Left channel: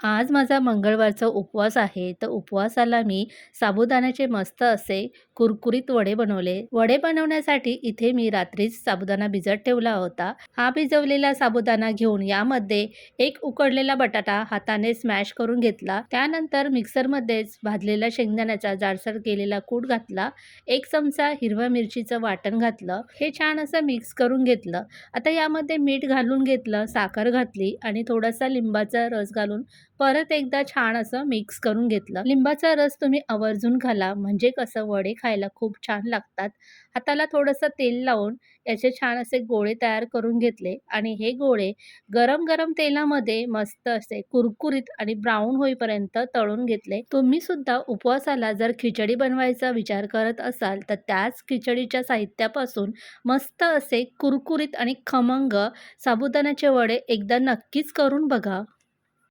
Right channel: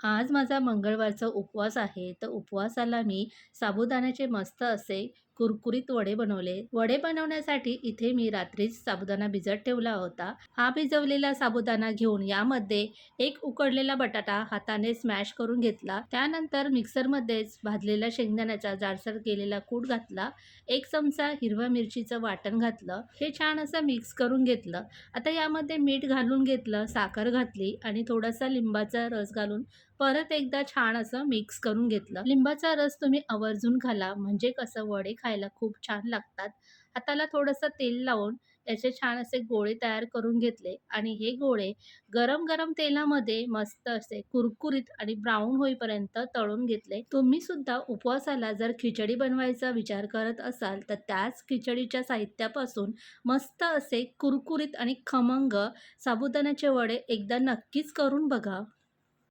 आज माझा मंगळवारचा उपवास आहे. तर उपवासाला मी साबुदाण्याचे मस्त असे कुरकुरीत वडे बनवले. वडे बनवण्यासाठी इथे मी रात्रीच साबुदाणा भिजत ठेवला होता. हा भिजवलेला साबुदाणा घेऊन यामध्ये एक उकडलेला बटाटा हाताने स्मॅश करून घेतला. त्यानंतर मिक्सरमध्येच भाजलेला शेंगदाण्याचा जाडसर केलेला कूट घातला. एक चमचा हिरव्या मिरचीचं वाटण घातलं. हे छान असं मिक्स करून घेतलं. आता यामध्ये मीठ घालून घेतलं, साखर घातली आणि थोडासा लिंबाचा रस घालून परत एकदा छान असं मिक्स करून घेतलं. लिंबाचा रस तुम्ही आवर्जून घाला म्हणजे कसं वडे खायला खूप छान लागतात. हाताला थोडंसं तेल लावून याचे छान असे गोळे तयार करून घेतले आणि हे गोळे गरम-गरम तेलामध्ये मस्त असे कुरकुरीत आणि ब्राऊन होईपर्यंत तळून घेतले. तुम्ही सुद्धा उपवासाला जर खिचडी बनवायचा विचार करत असाल तर त्याच खिचडीच्या साहित्यापासून मस्त असे कुरकुरीत आणि खमंग साबुदाण्याचे वडे एकदा नक्कीच करून बघा.